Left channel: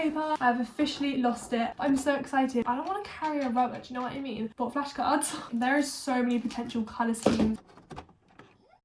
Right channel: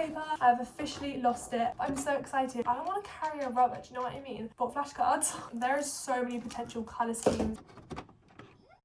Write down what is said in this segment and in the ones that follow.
paper. I've officially lost it. I'm so excited. I don't want to carry a rubber, do you know what I mean? Bought flashcards. There is so many potential colour schemes.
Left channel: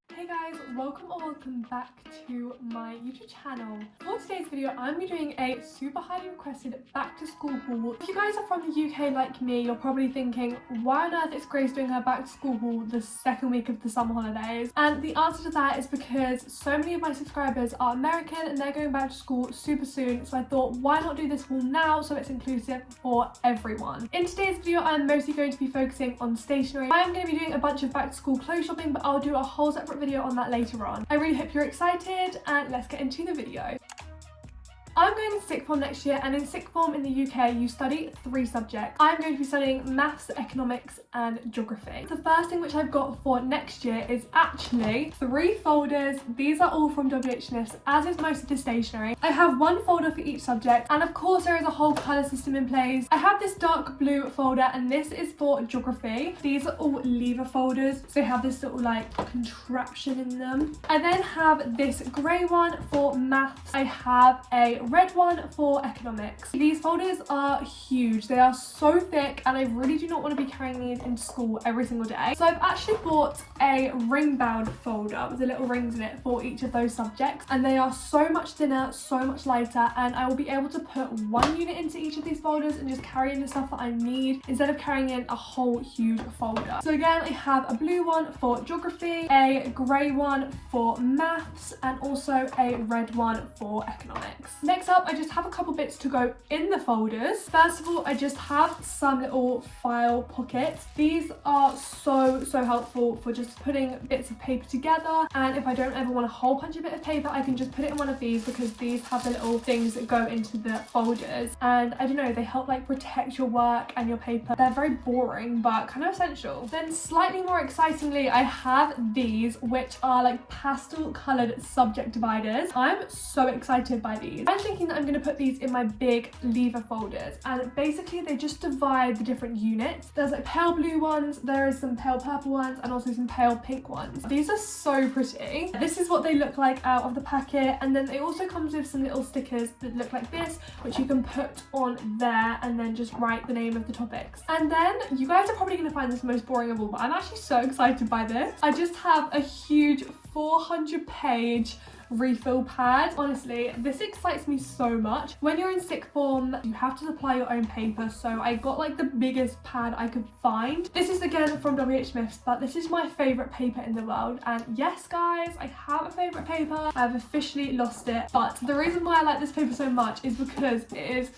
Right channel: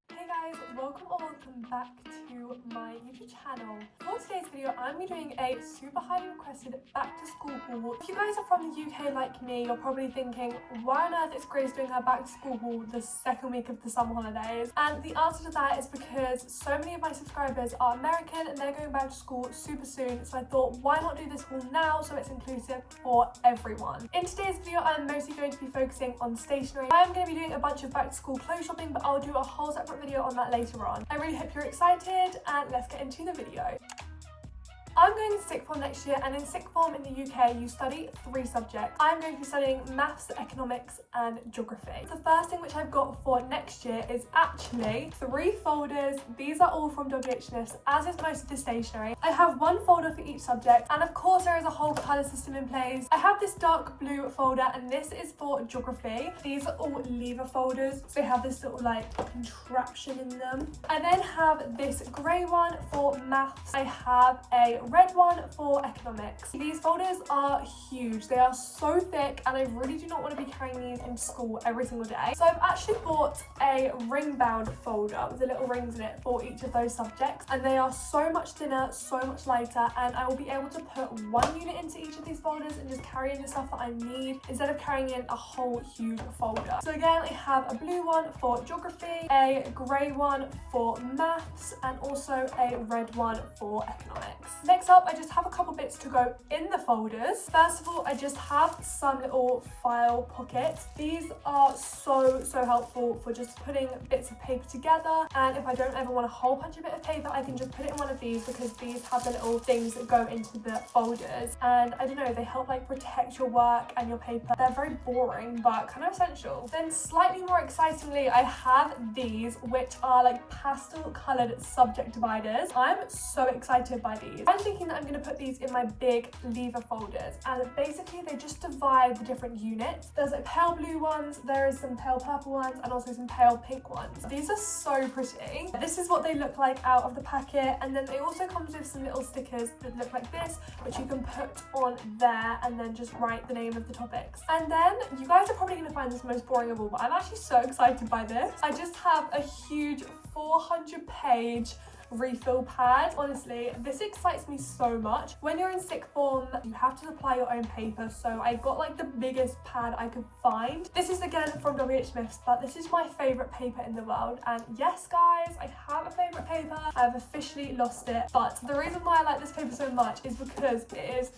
Hey guys, welcome or welcome back to my YouTube channel. For today's video, I'm going to be doing a super highly requested back to school haul. If you guys are from the UK like me, you're probably thinking, why on earth is Grace doing her back to school haul the second week of the summer holidays? And the answer to that is because so many of my subscribers are American and they're going back to school super soon. So I thought, why not do this haul now so it's inclusive for everyone? In today's video, I'm mostly going to be focusing on stationery. I'm going to be doing a bunch of back to school clothes shopping, but I'll do a whole separate video on that later on. I really hope you're excited and let's get into the video. I'm going to sixth form next year, and in sixth form in the UK you study 3 subjects. I'm going to be studying maths, economics and geography. The first thing which I've got for next year is actually 3 folders. These are all from WHS, as is most of the stationery. I have 1 folder for each subject, and of course there is a whole colour system in place. I have this dark blue folder and this is for geography. These are all lever folders, so they have this little like contraption in them. I then have this grey one for maths. I have a red one for economics. These folders are huge. They are so thick and I really do not want to be carrying these into school every single day. So I've actually bought a ring bound folder with the little rings in it for each of those subjects, and they are so much thinner, so much lighter, and I will be able to put 1 unit into each of these folders and just carry in the stuff that I need instead of carrying in a whole huge folder. So again, I have a blue one for geography, a grey one for maths, and also a red one for economics. Next up, I just have a couple bits to go in the folders. First of all, I just have some little file pockets. These are so helpful for just putting bits of paper together, and if I don't ever want a whole bunch of bit of paper, I can just put it in one of these because these have the little things that go into the folders, and I don't know, they help like protect your work and your paper. They're very boring but kind of essential. Then slightly more excitingly, I have these which are like pastel coloured subject dividers. I'm so excited by these. I'm thinking that I'm going to put these in my big lever folders, and basically they just divide the different units. There's like pale blue ones, there is some pale purple ones, and also some pale pink ones. These are so pretty. This is what they look like out of the packet, and then it also comes with some little stickers that look like this, which you can put on there and then just write the name of the topics. And then you guys are probably going to find this most boring of all, but I'm actually so excited by this. I just have a huge 400-page refill pad. Honestly, this excites me so much. When you're in sixth form, you have to supply your own paper, so I got like the biggest pad I could find. This is again from WHS, but this is my favorite paper in the world, and yes guys, I have a favorite paper. I've officially lost it, but the reason why I like this paper so much is because it is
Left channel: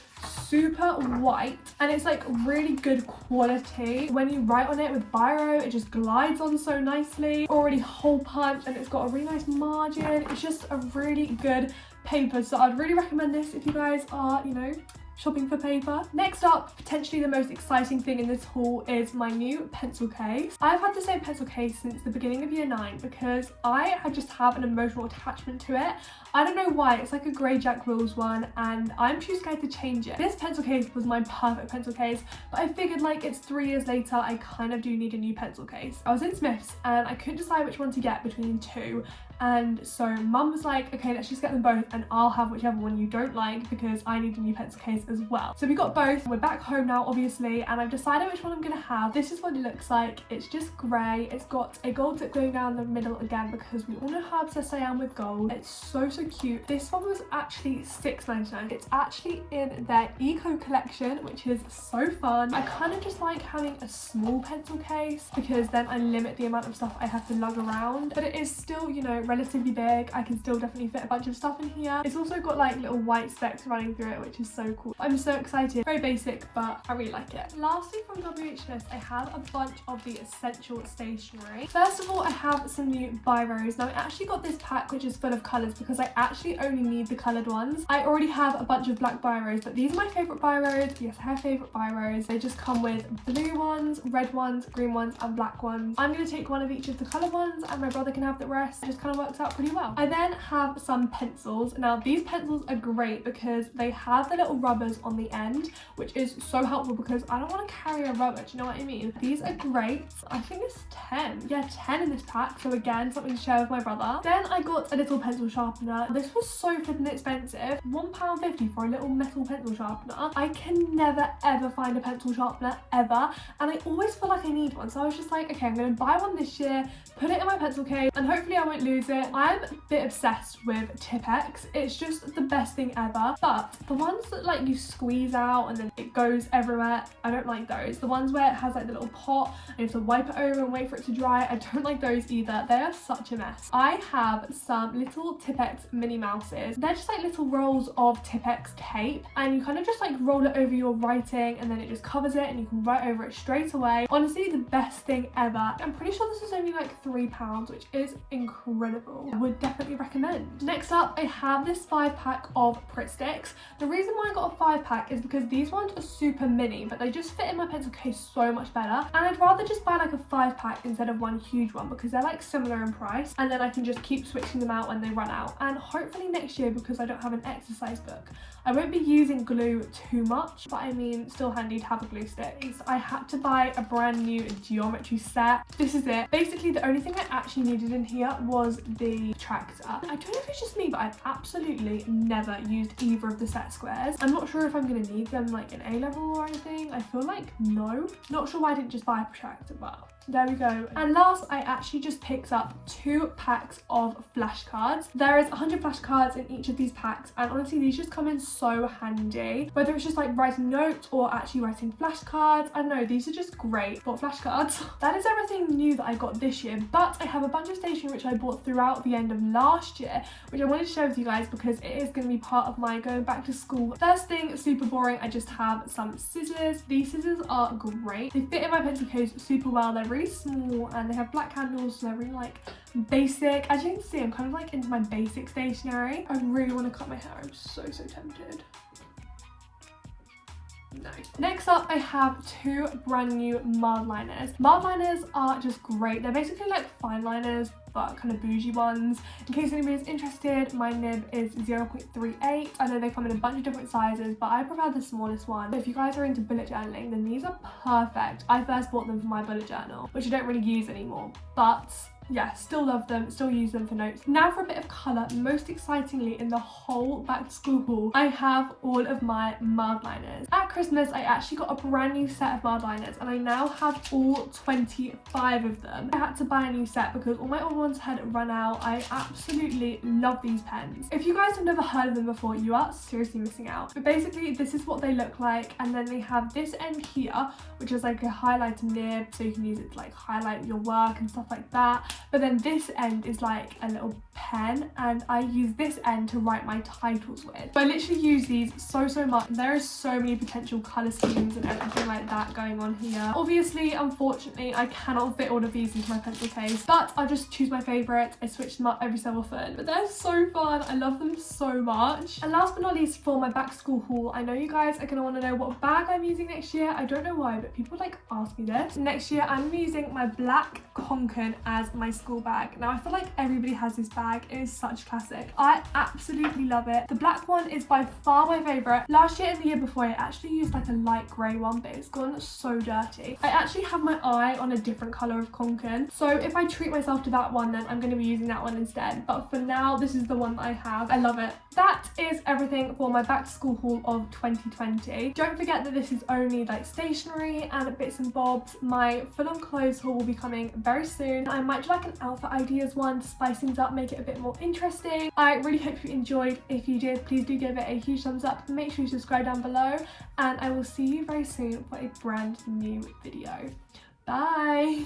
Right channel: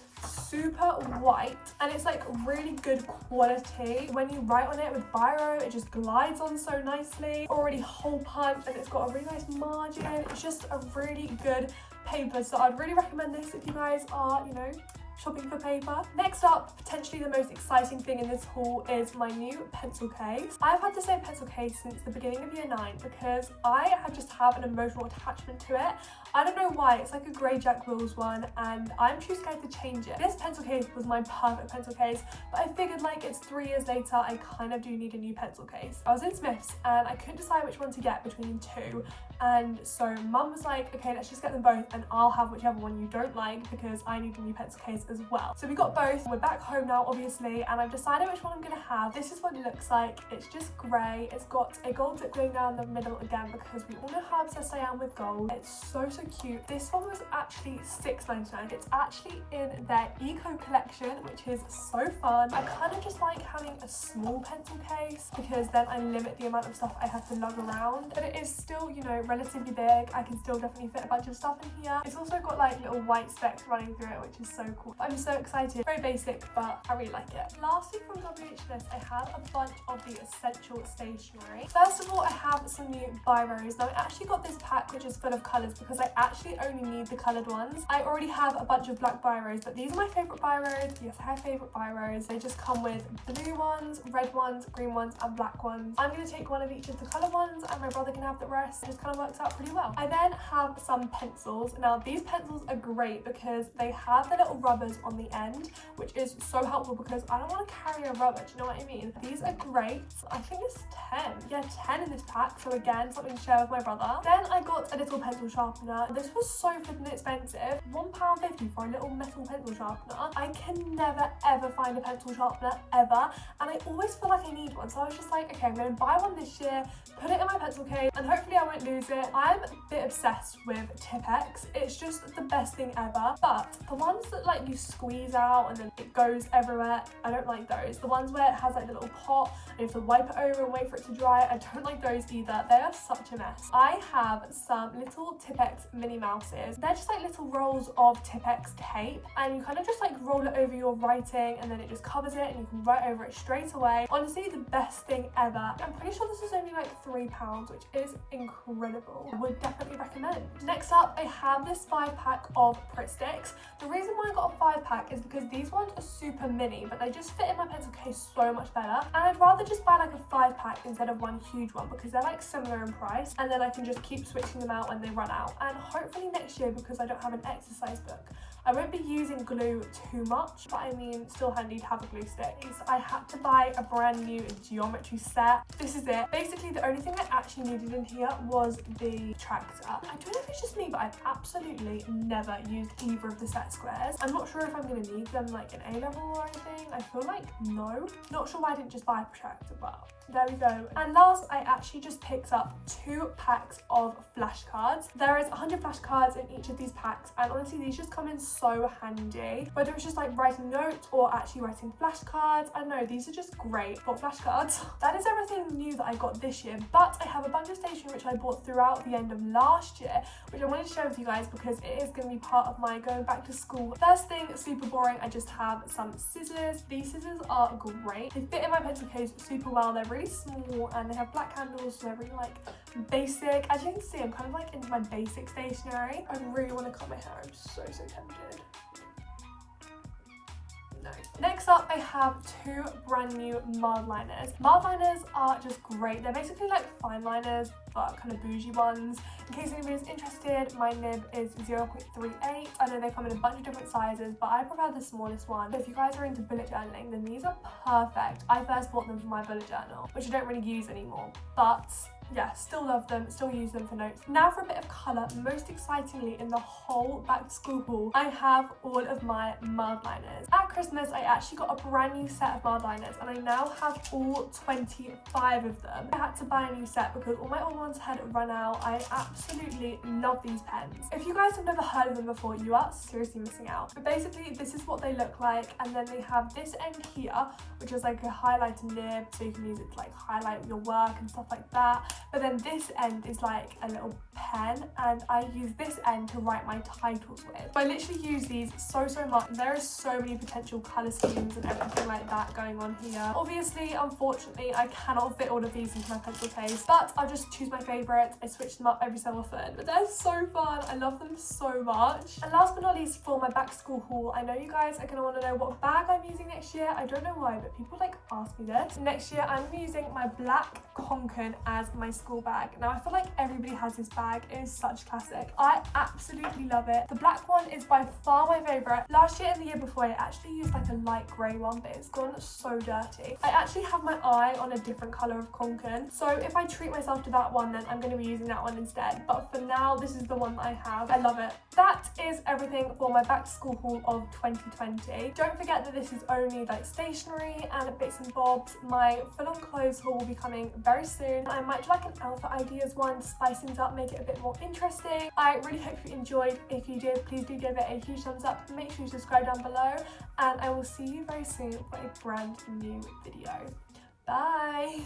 super white and it's like really good quality. When you write on it with biro, it just glides on so nicely. Already hole punch, and it's got a really nice margin. It's just a really good paper, so I'd really recommend this if you guys are, you know, shopping for paper. Next up, potentially the most exciting thing in this haul is my new pencil case. I've had the same pencil case since the beginning of year 9 because I just have an emotional attachment to it. I don't know why, it's like a grey Jack Rules one and I'm too scared to change it. This pencil case was my perfect pencil case, but I figured like it's 3 years later, I kind of do need a new pencil case. I was in Smith's and I couldn't decide which one to get between 2, and so mum was like, okay, let's just get them both and I'll have whichever one you don't like because I need a new pencil case as well. So we got both. We're back home now obviously, and I've decided which one I'm gonna have. This is what it looks like. It's just grey. It's got a gold tip going down the middle again because we all know how obsessed I am with gold. It's so cute. This one was actually $6.99. It's actually in their eco collection, which is so fun. I kind of just like having a small pencil case because then I limit the amount of stuff I have to lug around, but it is still, you know, relatively big. I can still definitely fit a bunch of stuff in here. It's also got like little white specks running through it, which is so cool. I'm so excited. Very basic, but I really like it. Lastly, from WHS, I have a bunch of the essential stationery. First of all, I have some new biros. Now I actually got this pack which is full of colours because I actually only need the coloured ones. I already have a bunch of black biros, but these are my favourite biros. Yes, I have favourite biros. They just come with blue ones, red ones, green ones and black ones. I'm going to take one of each of the coloured ones and my brother can have the rest. It just kind of works out pretty well. I then have some pencils. Now these pencils are great because they have the little rubbers zippers on the end, which is so helpful because I don't want to carry a rubbish, you know what I mean? These are great. I think it's 10. Yeah, 10 in this pack. So again, something to share with my brother. Then I got a little pencil sharpener. This was so flippin' expensive. £1.50 for a little metal pencil sharpener. I can never ever find a pencil sharpener ever, and I always feel like I need one. So I was just like, okay, I'm gonna buy one this year, put it in my pencil case, and hopefully I won't lose it. I'm a bit obsessed with Tipp-Ex. It's just the best thing ever. But the ones that like you squeeze out and then it goes everywhere, I don't like those. The ones where it has like the little pot and you have to wipe it over and wait for it to dry, I don't like those either. They are such a mess. I have some little Tipp-Ex Minnie Mouses. They're just like little rolls of Tipp-Ex tape, and you kind of just like roll it over your writing and then it just covers it and you can write over it straight away. Honestly, the best thing ever. I'm pretty sure this is only like £3, which is incredible. I would definitely recommend. Next up, I have this 5-pack of Pritt sticks. The reason why I got a 5-pack is because these ones are super mini, but they just fit in my pencil case so much better, and I'd rather just buy like a 5-pack instead of one huge one because they're like similar in price, and then I can just keep switching them out when they run out. And hopefully next year, because I don't have an exercise book, I won't be using glue too much, but I mean, still handy to have a glue stick. So I had to buy a brand new geometry set. This is it. Basically, the only thing I actually needed in here was the tractor. I don't know if it's just me, but I've absolutely never used either of the set squares. I'm not sure if I'm gonna need them like in A-level or anything. I feel like no. Not sure why I didn't just buy a protractor, but there we go. And last, I actually just picked up 2 packs of flashcards. There is 100 flashcards in each of these packs, and honestly, these just come in so handy. Whether it's just like writing notes or actually writing flashcards, I don't know, these are just great for flashcards. That is everything new that I got this year, but I have a bunch of stationery which I bought throughout the end of last year, which I wanted to share with you guys because it is going to be part of my going back to school. First thing, super boring, I just have some scissors. These scissors are great. They fit in my pencil case super well. They're really small and they have black handles, so they're really like basic. As you can see, I'm kind of like into my basic stationery. I really want to cut my hair. I'm so tempted. No. Next up, I have 2 brand new Mildliners. Mildliners are just great. They're basically like fine liners, but kind of bougie ones. In case anybody's interested, my nib is 0.38. I know they come in a bunch of different sizes, but I prefer the smallest one. If you guys are into bullet journaling, then these are perfect. I first bought them for my bullet journal, which I don't really use anymore, but yeah, still love them, still use them for notes. Now for a bit of colour. Most excitingly, in the whole back to school haul, I have all of my Mildliners. At Christmas, I actually got a brand new set of Mildliners, and I now have all 25 of them. I had to buy a new set because all my old ones had run out. I absolutely love these pens. If you guys have never heard of them before, you are seriously missing out. But basically, this is what they look like, and then they have this end here, which is like a highlighter nib, so you can use it to like highlight your work and stuff like that. But then this end is like a little pen, and I use this end to write my titles with. So I literally use these so much. There is so many potential colour schemes and everything like that going on here. Obviously, unfortunately, I cannot fit all of these into my pencil case, but I'll just choose my favourites. I switch them up every so often, but they're so fun. I love them so much. And last but not least, for my back to school haul, I know you guys are going to want to know what bag I'm using next year. I don't know why, but people like ask me this. Next year, I'm using my black Conken as my school bag. Now, I feel like everybody has this bag. It is such a classic. I absolutely love it. The black one is by far my favourite. Last year and the year before, I actually used like a light grey one, but it's gone so dirty. I actually have my eye on a different colour of Conken, so if I treat myself to that one, then I'm going to be using that one instead. But for now, this is the one that I have. I love it. That is everything for my back to school haul of 2020. Don't forget that this is only like stationery and bits and bobs. My full-on clothes haul will be coming very soon. I might do like an outfit ideas one to spice things up, make it a bit more interesting. I really hope you enjoyed. If you did, please do give it a huge thumbs up. Make sure you subscribe down below, and I will see you very soon for a brand new video. Bye!